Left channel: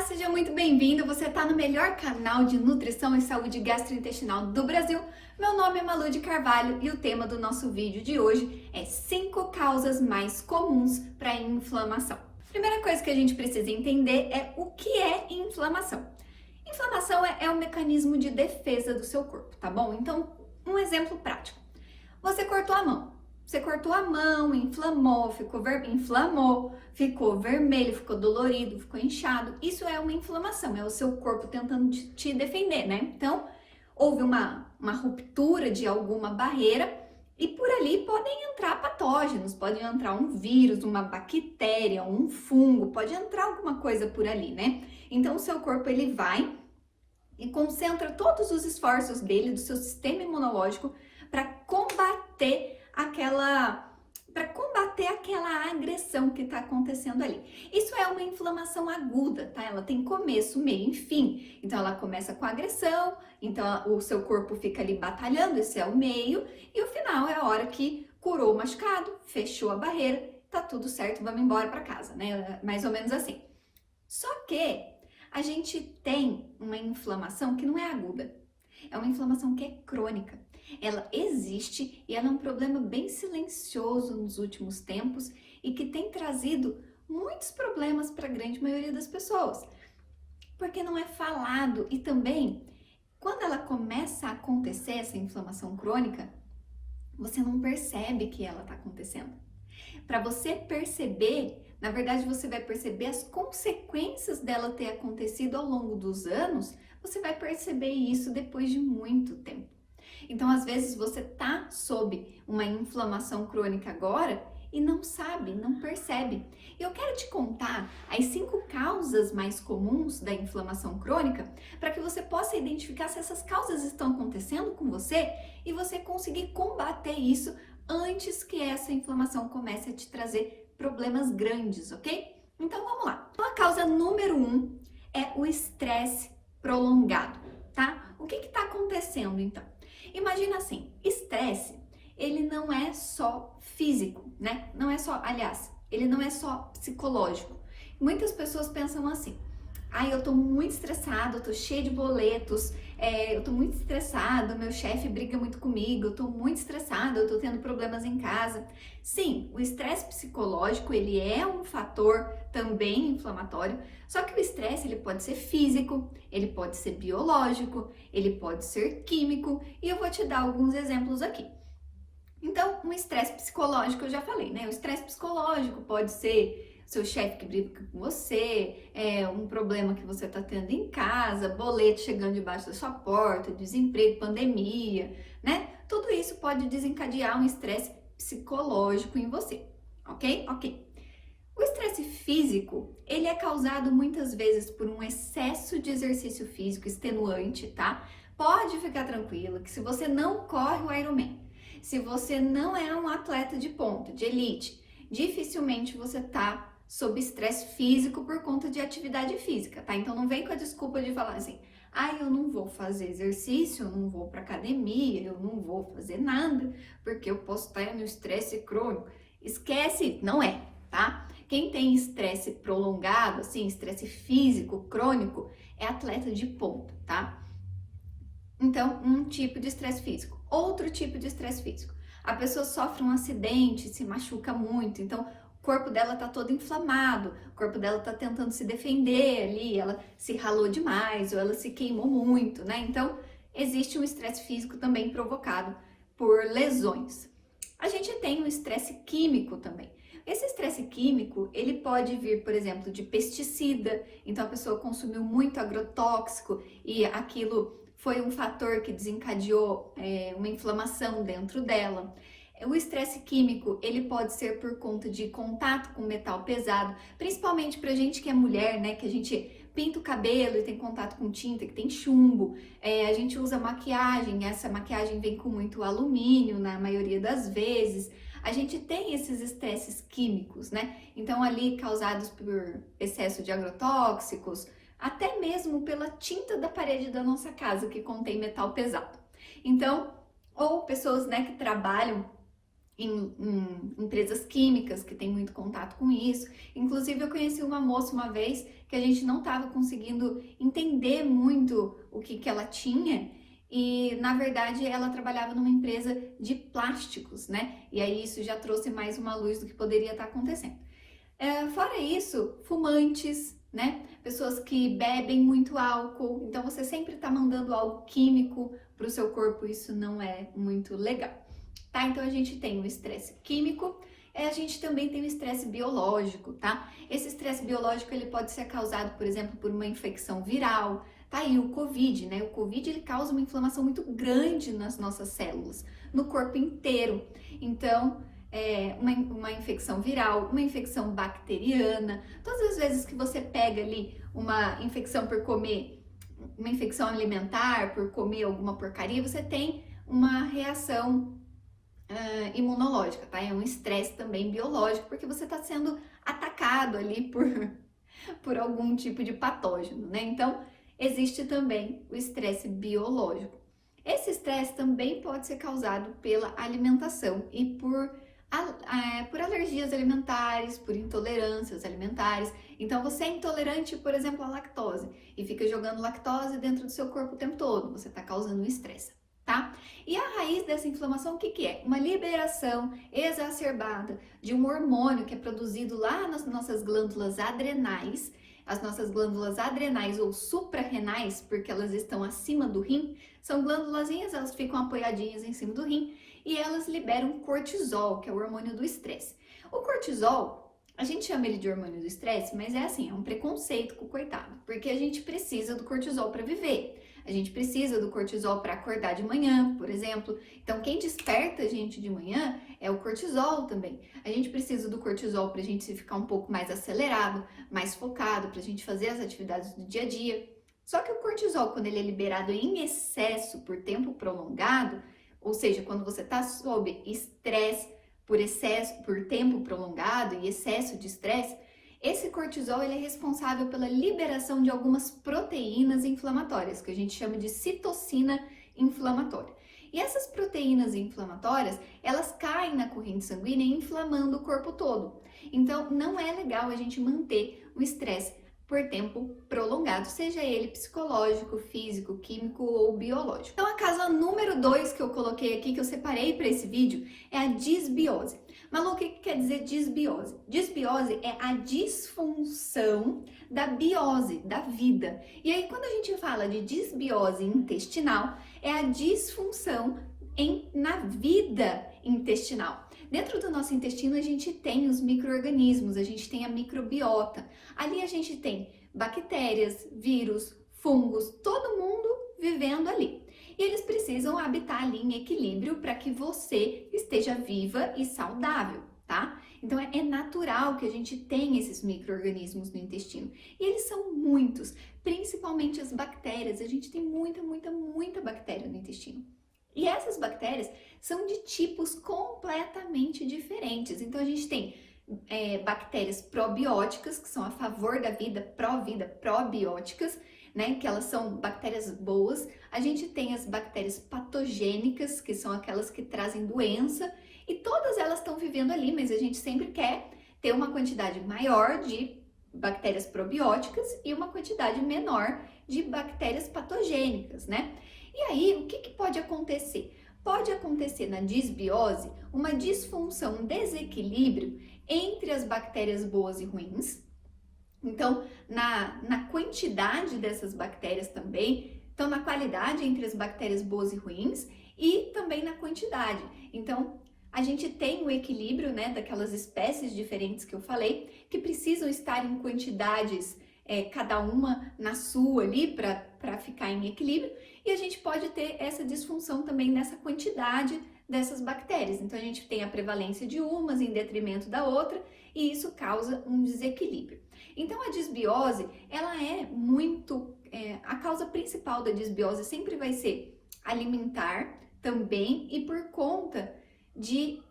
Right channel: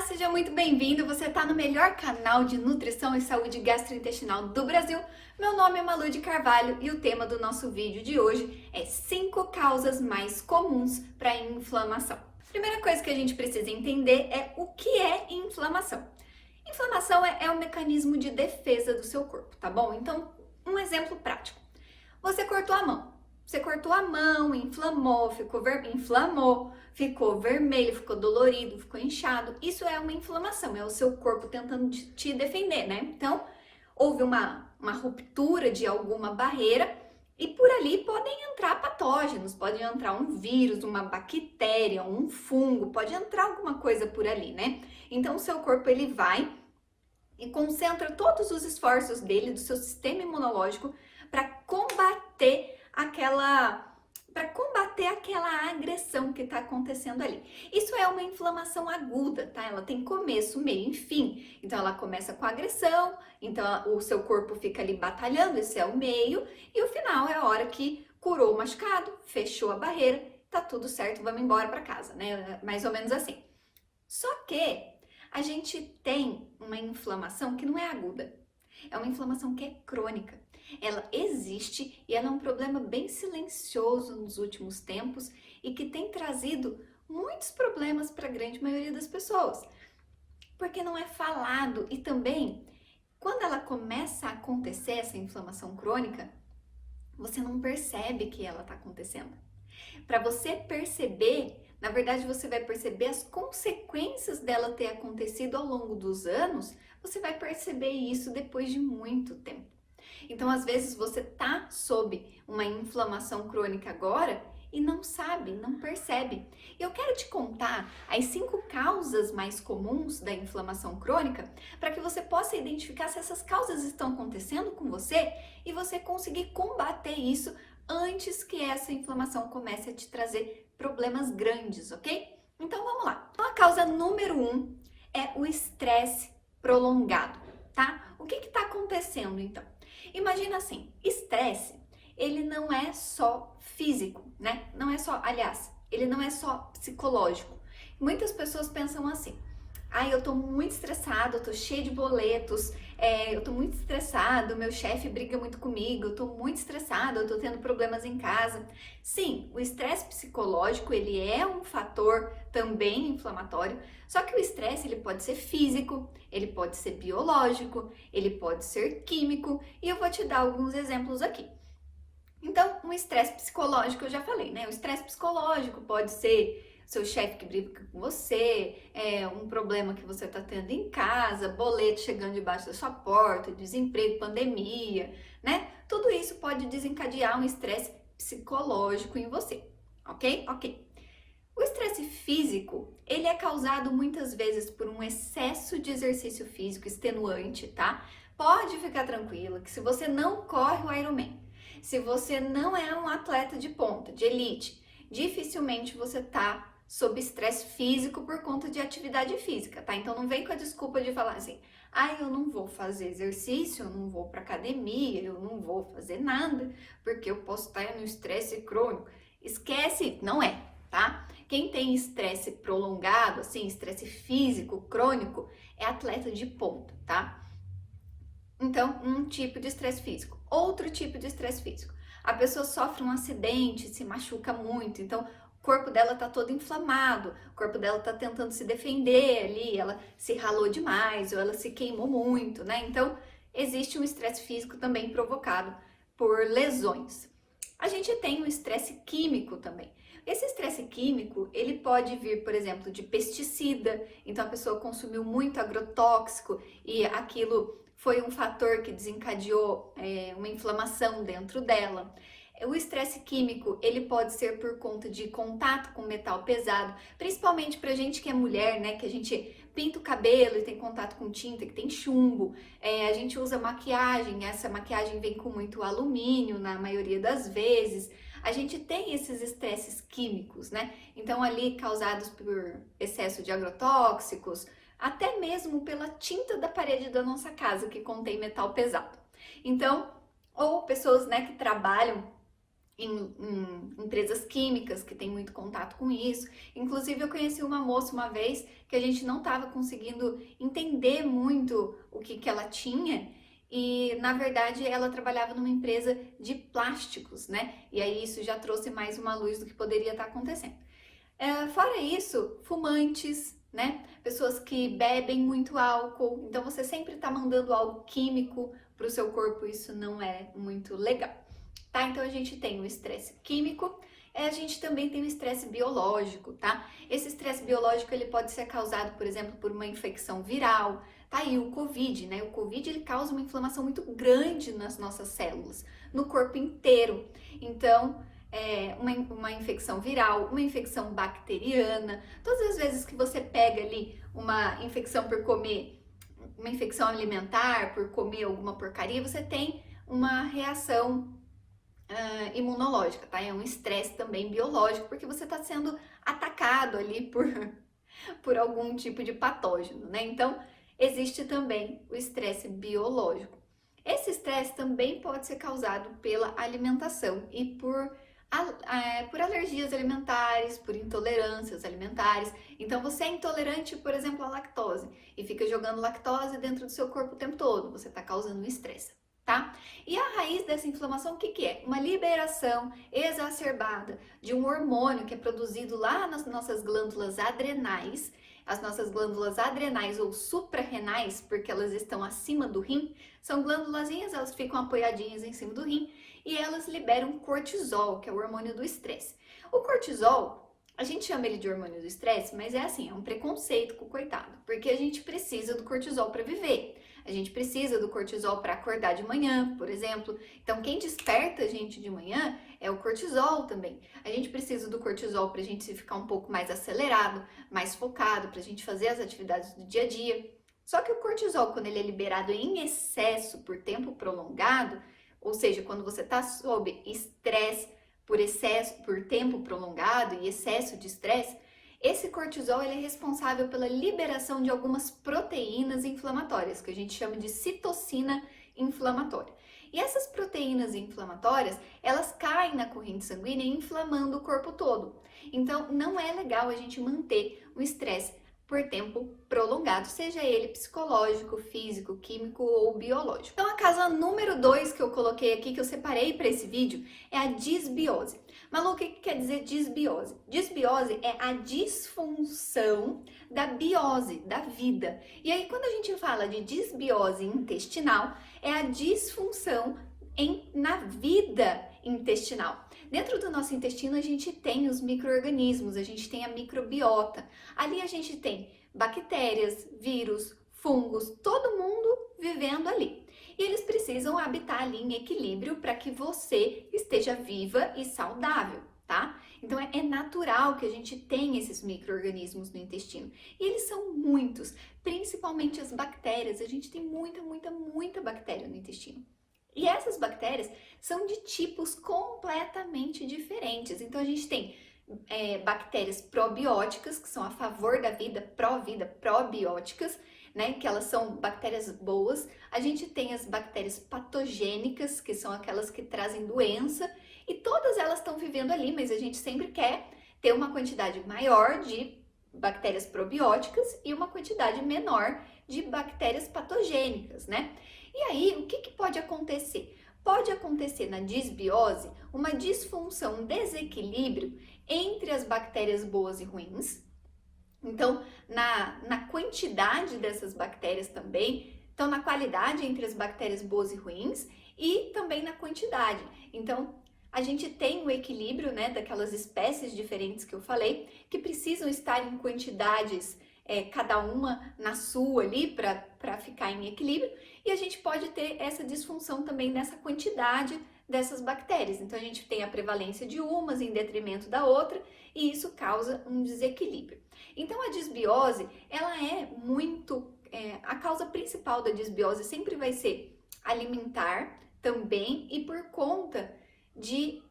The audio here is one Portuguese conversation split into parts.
Olá, seja muito bem-vindo. Você está no melhor canal de nutrição e saúde gastrointestinal do Brasil. Meu nome é Malu de Carvalho e o tema do nosso vídeo de hoje é 5 causas mais comuns para inflamação. Primeira coisa que a gente precisa entender é o que é inflamação. Inflamação é um mecanismo de defesa do seu corpo, tá bom? Então, um exemplo prático. Você cortou a mão. Você cortou a mão, inflamou, ficou vermelho, ficou dolorido, ficou inchado. Isso é uma inflamação, é o seu corpo tentando te defender, né? Então, houve uma ruptura de alguma barreira e por ali podem entrar patógenos, pode entrar um vírus, uma bactéria, um fungo, pode entrar alguma coisa por ali, né? Então, o seu corpo ele vai e concentra todos os esforços dele, do seu sistema imunológico, para combater aquela agressão que está acontecendo ali. Isso é uma inflamação aguda, tá? Ela tem começo, meio e fim. Então, ela começa com a agressão, então o seu corpo fica ali batalhando, esse é o meio, e o final é a hora que curou o machucado, fechou a barreira, tá tudo certo, vamos embora para casa, né? Mais ou menos assim. Só que a gente tem uma inflamação que não é aguda, é uma inflamação que é crônica. Ela existe e ela é um problema bem silencioso nos últimos tempos e que tem trazido muitos problemas para a grande maioria das pessoas, porque não é falado e também, quando ela começa a acontecer, essa inflamação crônica, você não percebe que ela está acontecendo. Para você perceber, na verdade você vai perceber as consequências dela ter acontecido ao longo dos anos, você vai perceber isso depois de muito tempo. Então, às vezes, você tá sob uma inflamação crônica agora e não sabe, não percebe. E eu quero te contar as 5 causas mais comuns da inflamação crônica para que você possa identificar se essas causas estão acontecendo com você e você conseguir combater isso antes que essa inflamação comece a te trazer problemas grandes, ok? Então, vamos lá. Então, a causa número 1 é o estresse prolongado, tá? O que está acontecendo, então? Imagina assim, estresse, ele não é só físico, né? Não é só, aliás, ele não é só psicológico. Muitas pessoas pensam assim, eu tô muito estressado, eu tô cheio de boletos, eu tô muito estressado, meu chefe briga muito comigo, eu tô muito estressado, eu tô tendo problemas em casa. Sim, o estresse psicológico, ele é um fator também inflamatório, só que o estresse, ele pode ser físico, ele pode ser biológico, ele pode ser químico, e eu vou te dar alguns exemplos aqui. Então, o estresse psicológico, eu já falei, né? O estresse psicológico pode ser seu chefe que briga com você, um problema que você está tendo em casa, boleto chegando debaixo da sua porta, desemprego, pandemia, né? Tudo isso pode desencadear um estresse psicológico em você, ok? Ok. O estresse físico, ele é causado muitas vezes por um excesso de exercício físico extenuante, tá? Pode ficar tranquilo que se você não corre o Ironman, se você não é um atleta de ponta, de elite, dificilmente você tá sob estresse físico por conta de atividade física, tá? Então não vem com a desculpa de falar assim, eu não vou fazer exercício, eu não vou pra academia, eu não vou fazer nada, porque eu posso estar no estresse crônico. Esquece, não é, tá? Quem tem estresse prolongado, assim, estresse físico, crônico, é atleta de ponta, tá? Então, um tipo de estresse físico. Outro tipo de estresse físico. A pessoa sofre um acidente, se machuca muito, então o corpo dela tá todo inflamado, o corpo dela tá tentando se defender ali, ela se ralou demais ou ela se queimou muito, né? Então, existe um estresse físico também provocado por lesões. A gente tem um estresse químico também. Esse estresse químico, ele pode vir, por exemplo, de pesticida, então a pessoa consumiu muito agrotóxico e aquilo foi um fator que desencadeou uma inflamação dentro dela. O estresse químico, ele pode ser por conta de contato com metal pesado, principalmente pra gente que é mulher, né, que a gente pinta o cabelo e tem contato com tinta, que tem chumbo, a gente usa maquiagem, essa maquiagem vem com muito alumínio na maioria das vezes, a gente tem esses estresses químicos, né, então ali causados por excesso de agrotóxicos, até mesmo pela tinta da parede da nossa casa, que contém metal pesado. Então, ou pessoas, né, que trabalham em empresas químicas que tem muito contato com isso. Inclusive, eu conheci uma moça uma vez que a gente não estava conseguindo entender muito o que ela tinha. E, na verdade, ela trabalhava numa empresa de plásticos, né? E aí isso já trouxe mais uma luz do que poderia estar acontecendo. Fora isso, fumantes, né? Pessoas que bebem muito álcool. Então, você sempre está mandando algo químico para o seu corpo. Isso não é muito legal, tá? Então, a gente tem o estresse químico. A gente também tem o estresse biológico, tá? Esse estresse biológico, ele pode ser causado, por exemplo, por uma infecção viral, tá? E o Covid, né? O Covid, ele causa uma inflamação muito grande nas nossas células, no corpo inteiro. Então, uma infecção viral, uma infecção bacteriana, todas as vezes que você pega ali uma infecção por comer, uma infecção alimentar, por comer alguma porcaria, você tem uma reação imunológica, tá? É um estresse também biológico, porque você está sendo atacado ali por algum tipo de patógeno, né? Então, existe também o estresse biológico. Esse estresse também pode ser causado pela alimentação e por alergias alimentares, por intolerâncias alimentares. Então, você é intolerante, por exemplo, à lactose e fica jogando lactose dentro do seu corpo o tempo todo, você está causando um estresse. Tá? E a raiz dessa inflamação, o que que é? Uma liberação exacerbada de um hormônio que é produzido lá nas nossas glândulas adrenais. As nossas glândulas adrenais ou suprarrenais, porque elas estão acima do rim, são glândulazinhas, elas ficam apoiadinhas em cima do rim e elas liberam cortisol, que é o hormônio do estresse. O cortisol, a gente chama ele de hormônio do estresse, mas é assim, é um preconceito com o coitado, porque a gente precisa do cortisol para viver. A gente precisa do cortisol para acordar de manhã, por exemplo. Então, quem desperta a gente de manhã é o cortisol também. A gente precisa do cortisol para a gente ficar um pouco mais acelerado, mais focado, para a gente fazer as atividades do dia a dia. Só que o cortisol, quando ele é liberado em excesso por tempo prolongado, ou seja, quando você está sob estresse por tempo prolongado e excesso de estresse, esse cortisol ele é responsável pela liberação de algumas proteínas inflamatórias, que a gente chama de citocina inflamatória. E essas proteínas inflamatórias, elas caem na corrente sanguínea inflamando o corpo todo. Então, não é legal a gente manter o estresse por tempo prolongado, seja ele psicológico, físico, químico ou biológico. Então, a causa número 2 que eu coloquei aqui, que eu separei para esse vídeo, é a disbiose. Malu, o que quer dizer disbiose? Disbiose é a disfunção da biose, da vida. E aí, quando a gente fala de disbiose intestinal, é a disfunção na vida intestinal. Dentro do nosso intestino, a gente tem os micro-organismos, a gente tem a microbiota. Ali a gente tem bactérias, vírus, fungos, todo mundo vivendo ali. E eles precisam habitar ali em equilíbrio para que você esteja viva e saudável, tá? Então é natural que a gente tenha esses micro-organismos no intestino. E eles são muitos, principalmente as bactérias. A gente tem muita bactéria no intestino. E essas bactérias são de tipos completamente diferentes. Então a gente tem bactérias probióticas, que são a favor da vida, pró-vida, probióticas, né, que elas são bactérias boas. A gente tem as bactérias patogênicas, que são aquelas que trazem doença, e todas elas estão vivendo ali, mas a gente sempre quer ter uma quantidade maior de bactérias probióticas e uma quantidade menor de bactérias patogênicas, né? E aí, o que pode acontecer? Pode acontecer na disbiose uma disfunção, um desequilíbrio entre as bactérias boas e ruins. Então, na quantidade dessas bactérias também, então na qualidade entre as bactérias boas e ruins e também na quantidade. Então, a gente tem o equilíbrio, né, daquelas espécies diferentes que eu falei, que precisam estar em quantidades, cada uma na sua ali, para ficar em equilíbrio, e a gente pode ter essa disfunção também nessa quantidade dessas bactérias. Então, a gente tem a prevalência de umas em detrimento da outra, e isso causa um desequilíbrio. Então, a disbiose, ela é muito... a causa principal da disbiose sempre vai ser alimentar também e por conta de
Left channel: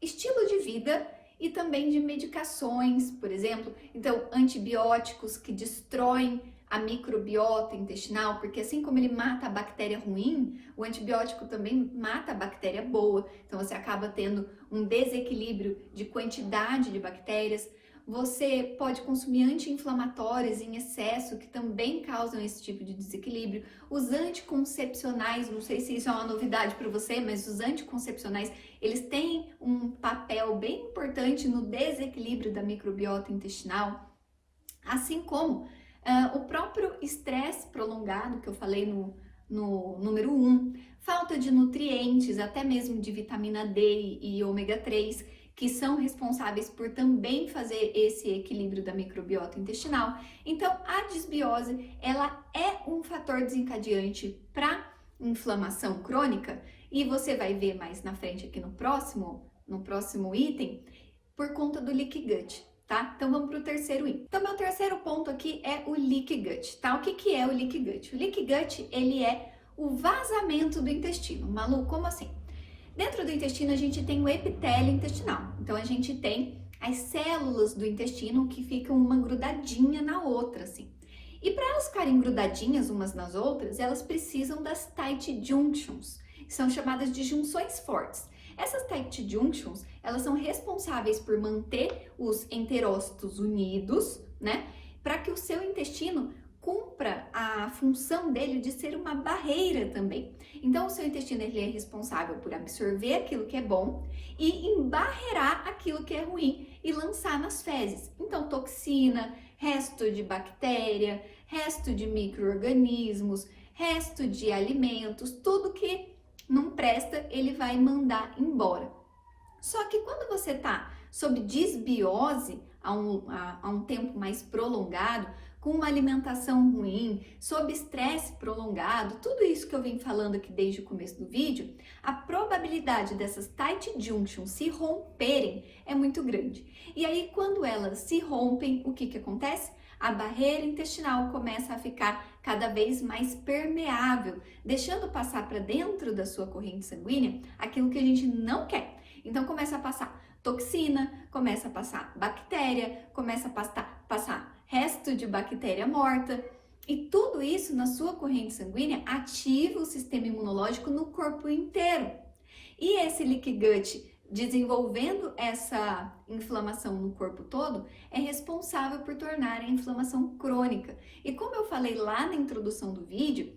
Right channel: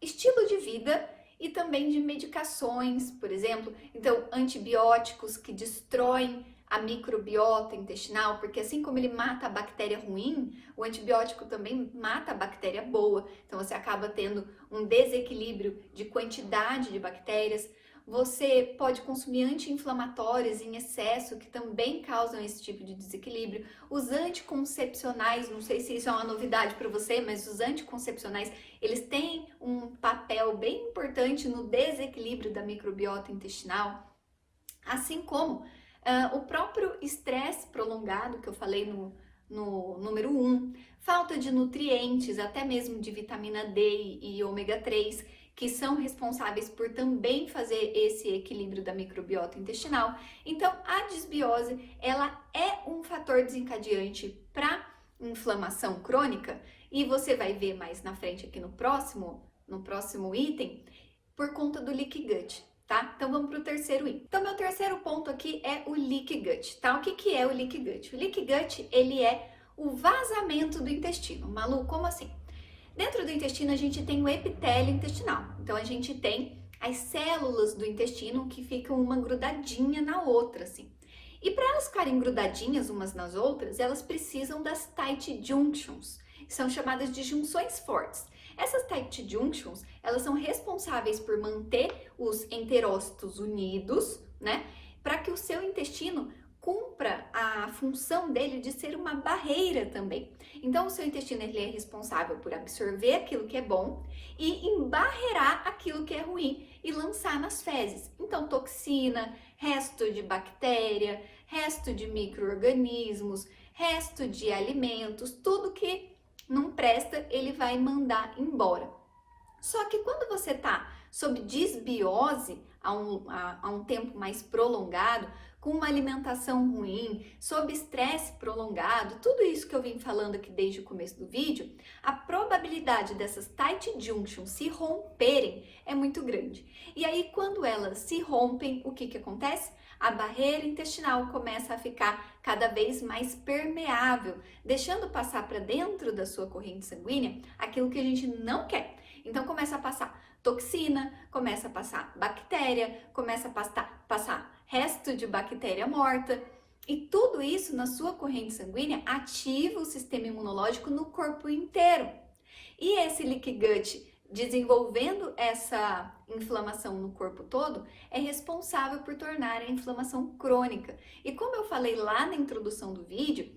estilo de vida e também de medicações, por exemplo. Então, antibióticos que destroem a microbiota intestinal, porque assim como ele mata a bactéria ruim, o antibiótico também mata a bactéria boa. Então, você acaba tendo um desequilíbrio de quantidade de bactérias. Você pode consumir anti-inflamatórios em excesso, que também causam esse tipo de desequilíbrio. Os anticoncepcionais, não sei se isso é uma novidade para você, mas os anticoncepcionais, eles têm um papel bem importante no desequilíbrio da microbiota intestinal, assim como o próprio estresse prolongado, que eu falei no número 1, falta de nutrientes, até mesmo de vitamina D e ômega 3, que são responsáveis por também fazer esse equilíbrio da microbiota intestinal. Então, a disbiose, ela é um fator desencadeante para inflamação crônica, e você vai ver mais na frente aqui no próximo item, por conta do leaky gut, tá? Então, vamos para o terceiro item. Então, meu terceiro ponto aqui é o leaky gut, tá? O que é o leaky gut? O leaky gut, ele é o vazamento do intestino. Malu, como assim? Dentro do intestino, a gente tem o epitélio intestinal. Então, a gente tem as células do intestino que ficam uma grudadinha na outra, assim. E para elas ficarem grudadinhas umas nas outras, elas precisam das tight junctions, que são chamadas de junções fortes. Essas tight junctions, elas são responsáveis por manter os enterócitos unidos, né? Para que o seu intestino cumpra a função dele de ser uma barreira também. Então, o seu intestino, ele é responsável por absorver aquilo que é bom e embarrear aquilo que é ruim e lançar nas fezes. Então, toxina, resto de bactéria, resto de micro-organismos, resto de alimentos, tudo que não presta, ele vai mandar embora. Só que quando você está sob disbiose há um tempo mais prolongado, com uma alimentação ruim, sob estresse prolongado, tudo isso que eu vim falando aqui desde o começo do vídeo, a probabilidade dessas tight junctions se romperem é muito grande. E aí, quando elas se rompem, o que acontece? A barreira intestinal começa a ficar cada vez mais permeável, deixando passar para dentro da sua corrente sanguínea aquilo que a gente não quer. Então, começa a passar toxina, começa a passar bactéria, começa a passar resto de bactéria morta, e tudo isso na sua corrente sanguínea ativa o sistema imunológico no corpo inteiro. E esse leaky gut, desenvolvendo essa inflamação no corpo todo, é responsável por tornar a inflamação crônica. E como eu falei lá na introdução do vídeo,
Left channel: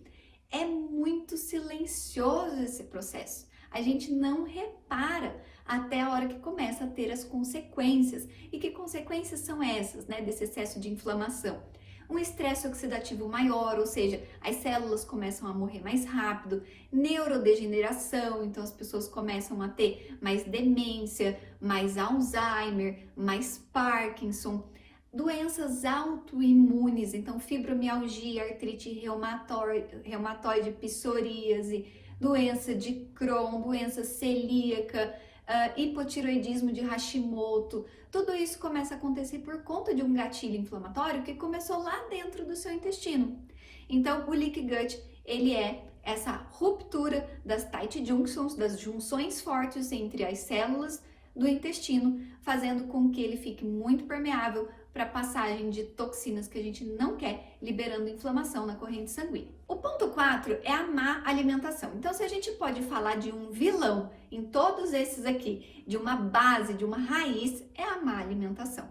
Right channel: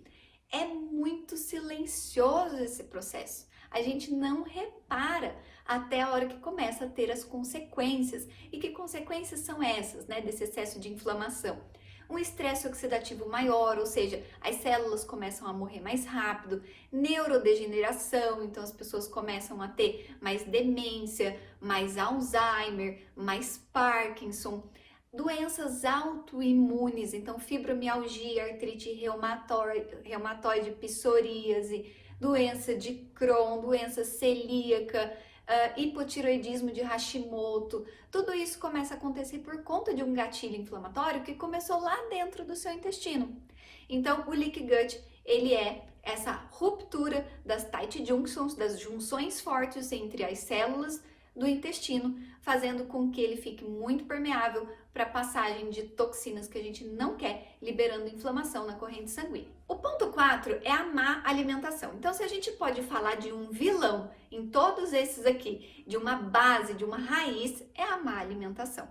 é muito silencioso esse processo. A gente não repara até a hora que começa a ter as consequências. E que consequências são essas, né, desse excesso de inflamação? Um estresse oxidativo maior, ou seja, as células começam a morrer mais rápido, neurodegeneração, então as pessoas começam a ter mais demência, mais Alzheimer, mais Parkinson, doenças autoimunes, então fibromialgia, artrite reumatoide, psoríase, doença de Crohn, doença celíaca, hipotireoidismo de Hashimoto, tudo isso começa a acontecer por conta de um gatilho inflamatório que começou lá dentro do seu intestino. Então, o leaky gut, ele é essa ruptura das tight junctions, das junções fortes entre as células do intestino, fazendo com que ele fique muito permeável para a passagem de toxinas que a gente não quer, liberando inflamação na corrente sanguínea. O ponto 4 é a má alimentação. Então, se a gente pode falar de um vilão em todos esses aqui, de uma base, de uma raiz, é a má alimentação.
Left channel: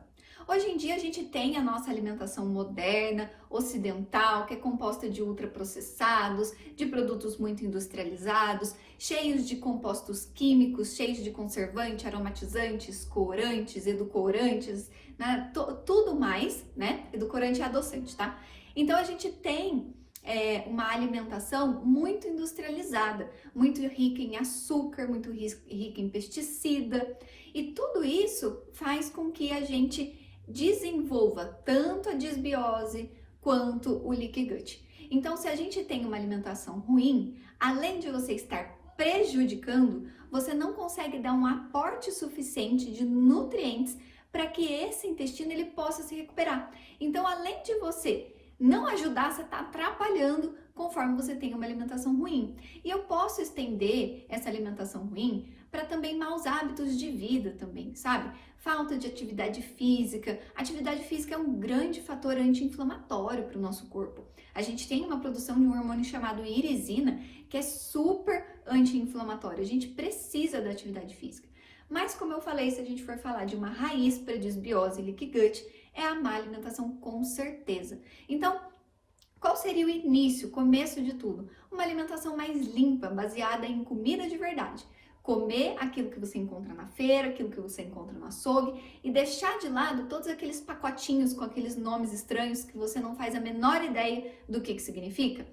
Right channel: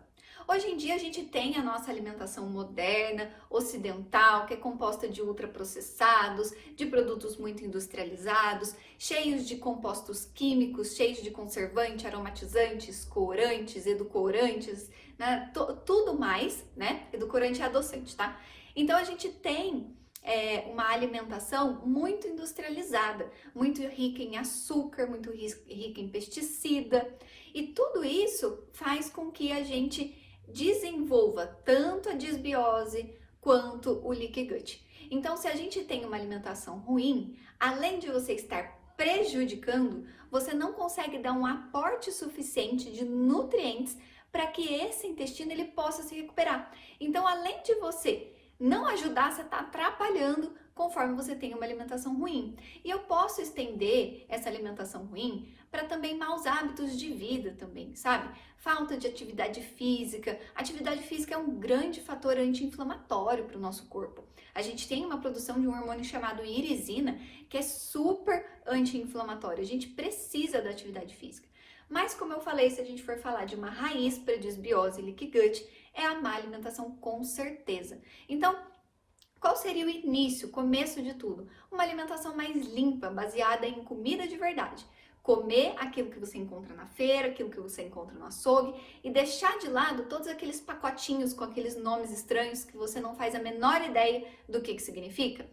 Hoje em dia a gente tem a nossa alimentação moderna, ocidental, que é composta de ultraprocessados, de produtos muito industrializados, cheios de compostos químicos, cheios de conservantes, aromatizantes, corantes, edulcorantes, né? Tudo mais, né? Edulcorante e adoçante, tá? Então a gente tem uma alimentação muito industrializada, muito rica em açúcar, muito rica em pesticida, e tudo isso faz com que a gente desenvolva tanto a disbiose quanto o leaky gut. Então, se a gente tem uma alimentação ruim, além de você estar prejudicando, você não consegue dar um aporte suficiente de nutrientes para que esse intestino ele possa se recuperar. Então, além de você não ajudar, você está atrapalhando conforme você tem uma alimentação ruim. E eu posso estender essa alimentação ruim para também maus hábitos de vida também, sabe? Falta de atividade física. Atividade física é um grande fator anti-inflamatório para o nosso corpo. A gente tem uma produção de um hormônio chamado irisina, que é super anti-inflamatório. A gente precisa da atividade física. Mas como eu falei, se a gente for falar de uma raiz para desbiose e leaky gut, é a má alimentação com certeza. Então, qual seria o início, o começo de tudo? Uma alimentação mais limpa, baseada em comida de verdade. Comer aquilo que você encontra na feira, aquilo que você encontra no açougue e deixar de lado todos aqueles pacotinhos com aqueles nomes estranhos que você não faz a menor ideia do que significa.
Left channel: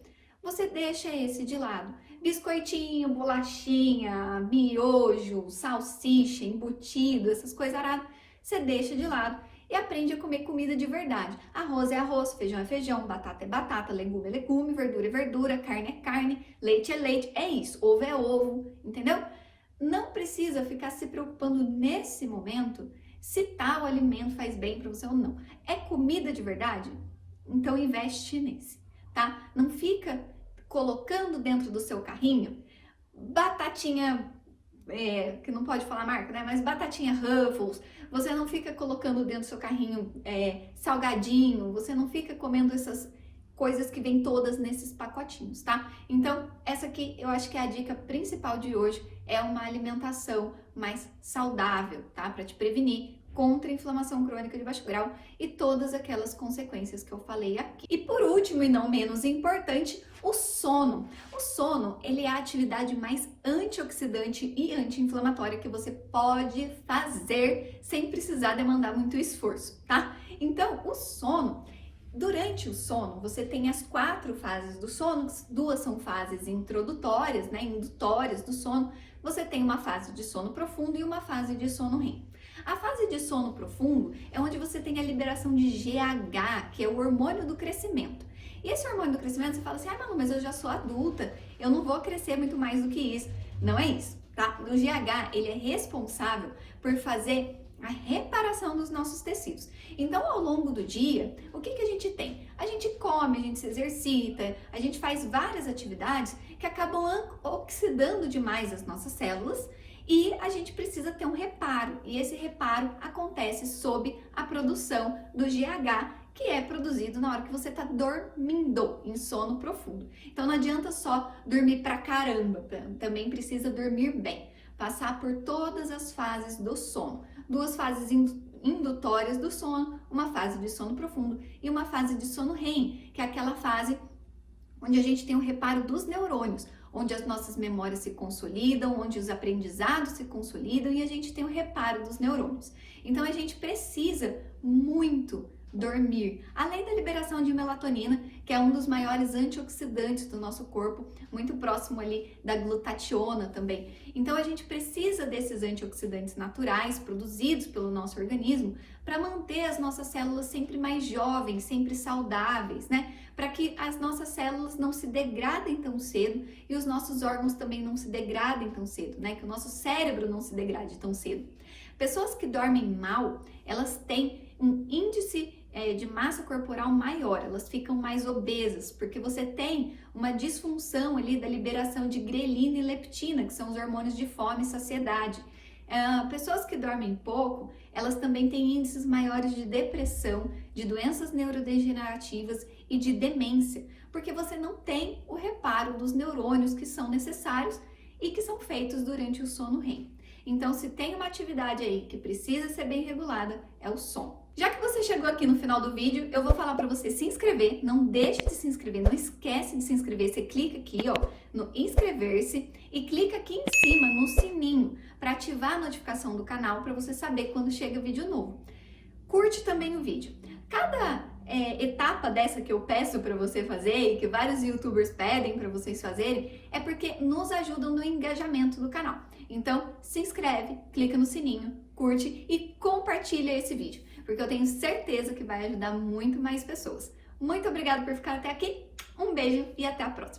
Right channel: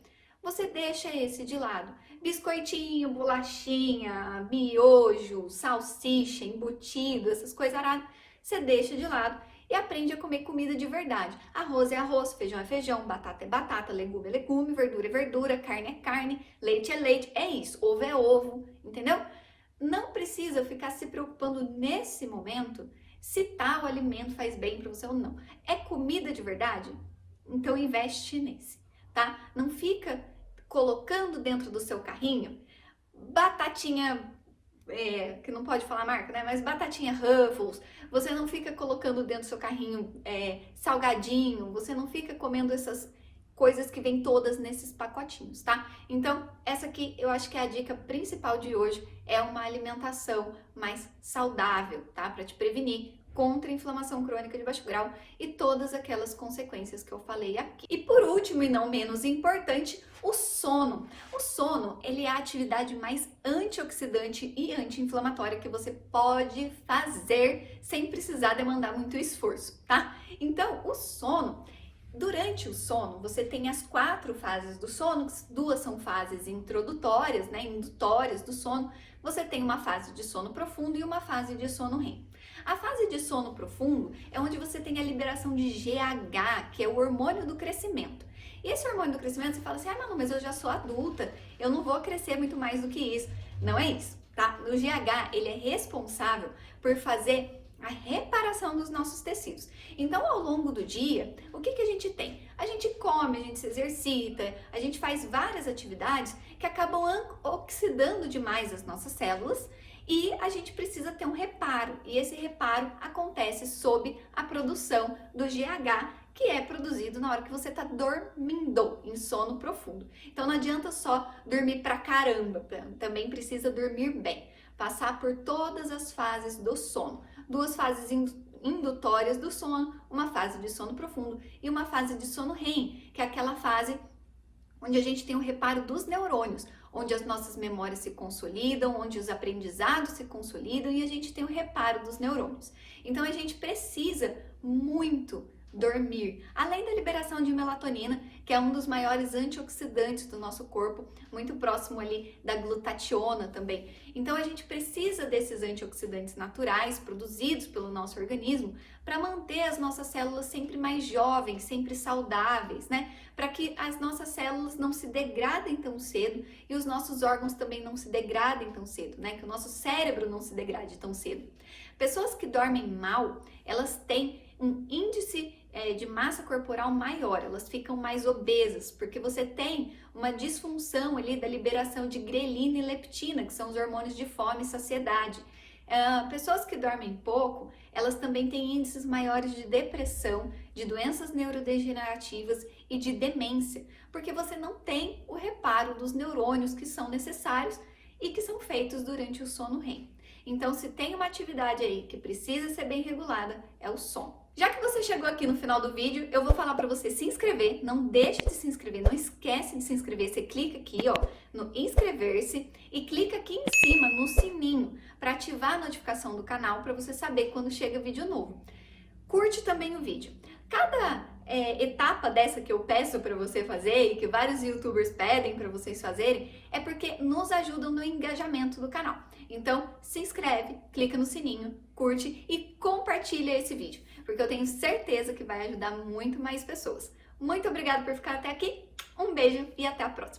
Você deixa esse de lado. Biscoitinho, bolachinha, miojo, salsicha, embutido, essas coisas aradas, você deixa de lado e aprende a comer comida de verdade. Arroz é arroz, feijão é feijão, batata é batata, legume é legume, verdura é verdura, carne é carne, leite é leite, é isso, ovo é ovo, entendeu? Não precisa ficar se preocupando nesse momento se tal alimento faz bem para você ou não. É comida de verdade? Então investe nesse, tá? Não fica colocando dentro do seu carrinho batatinha, que não pode falar marca, né? Mas batatinha Ruffles, você não fica colocando dentro do seu carrinho salgadinho, você não fica comendo essas coisas que vêm todas nesses pacotinhos, tá? Então, essa aqui eu acho que é a dica principal de hoje, é uma alimentação mais saudável, tá? Para te prevenir contra a inflamação crônica de baixo grau e todas aquelas consequências que eu falei aqui. E por último, e não menos importante, o sono. O sono, ele é a atividade mais antioxidante e anti-inflamatória que você pode fazer sem precisar demandar muito esforço, tá? Então, o sono, durante o sono, você tem as 4 fases do sono, 2 são fases introdutórias, né, indutórias do sono. Você tem uma fase de sono profundo e uma fase de sono REM. A fase de sono profundo é onde você tem a liberação de GH, que é o hormônio do crescimento. E esse hormônio do crescimento, você fala assim, Manu, mas eu já sou adulta, eu não vou crescer muito mais do que isso. Não é isso, tá? O GH, ele é responsável por fazer a reparação dos nossos tecidos. Então, ao longo do dia, o que a gente tem? A gente come, a gente se exercita, a gente faz várias atividades que acabam oxidando demais as nossas células e a gente precisa ter um reparo. E esse reparo acontece sob a produção do GH, que é produzido na hora que você está dormindo, em sono profundo. Então, não adianta só dormir pra caramba, também precisa dormir bem. Passar por todas as fases do sono. 2 fases indutórias do sono, uma fase de sono profundo e uma fase de sono REM, que é aquela fase onde a gente tem o reparo dos neurônios, onde as nossas memórias se consolidam, onde os aprendizados se consolidam e a gente tem o reparo dos neurônios. Então a gente precisa muito dormir, além da liberação de melatonina, que é um dos maiores antioxidantes do nosso corpo, muito próximo ali da glutationa também. Então a gente precisa desses antioxidantes naturais produzidos pelo nosso organismo para manter as nossas células sempre mais jovens, sempre saudáveis, né? Para que as nossas células não se degradem tão cedo e os nossos órgãos também não se degradem tão cedo, né? Que o nosso cérebro não se degrade tão cedo. Pessoas que dormem mal, elas têm um índice de massa corporal maior, elas ficam mais obesas, porque você tem uma disfunção ali da liberação de grelina e leptina, que são os hormônios de fome e saciedade. Pessoas que dormem pouco, elas também têm índices maiores de depressão, de doenças neurodegenerativas e de demência, porque você não tem o reparo dos neurônios que são necessários e que são feitos durante o sono REM. Então, se tem uma atividade aí que precisa ser bem regulada, é o sono. Já que você chegou aqui no final do vídeo, eu vou falar para você se inscrever. Não deixe de se inscrever, não esquece de se inscrever. Você clica aqui, ó, no inscrever-se e clica aqui em cima no sininho para ativar a notificação do canal para você saber quando chega vídeo novo. Curte também o vídeo. Cada etapa dessa que eu peço para você fazer e que vários youtubers pedem para vocês fazerem é porque nos ajudam no engajamento do canal. Então, se inscreve, clica no sininho, curte e compartilha esse vídeo, porque eu tenho certeza que vai ajudar muito mais pessoas. Muito obrigada por ficar até aqui, um beijo e até a próxima!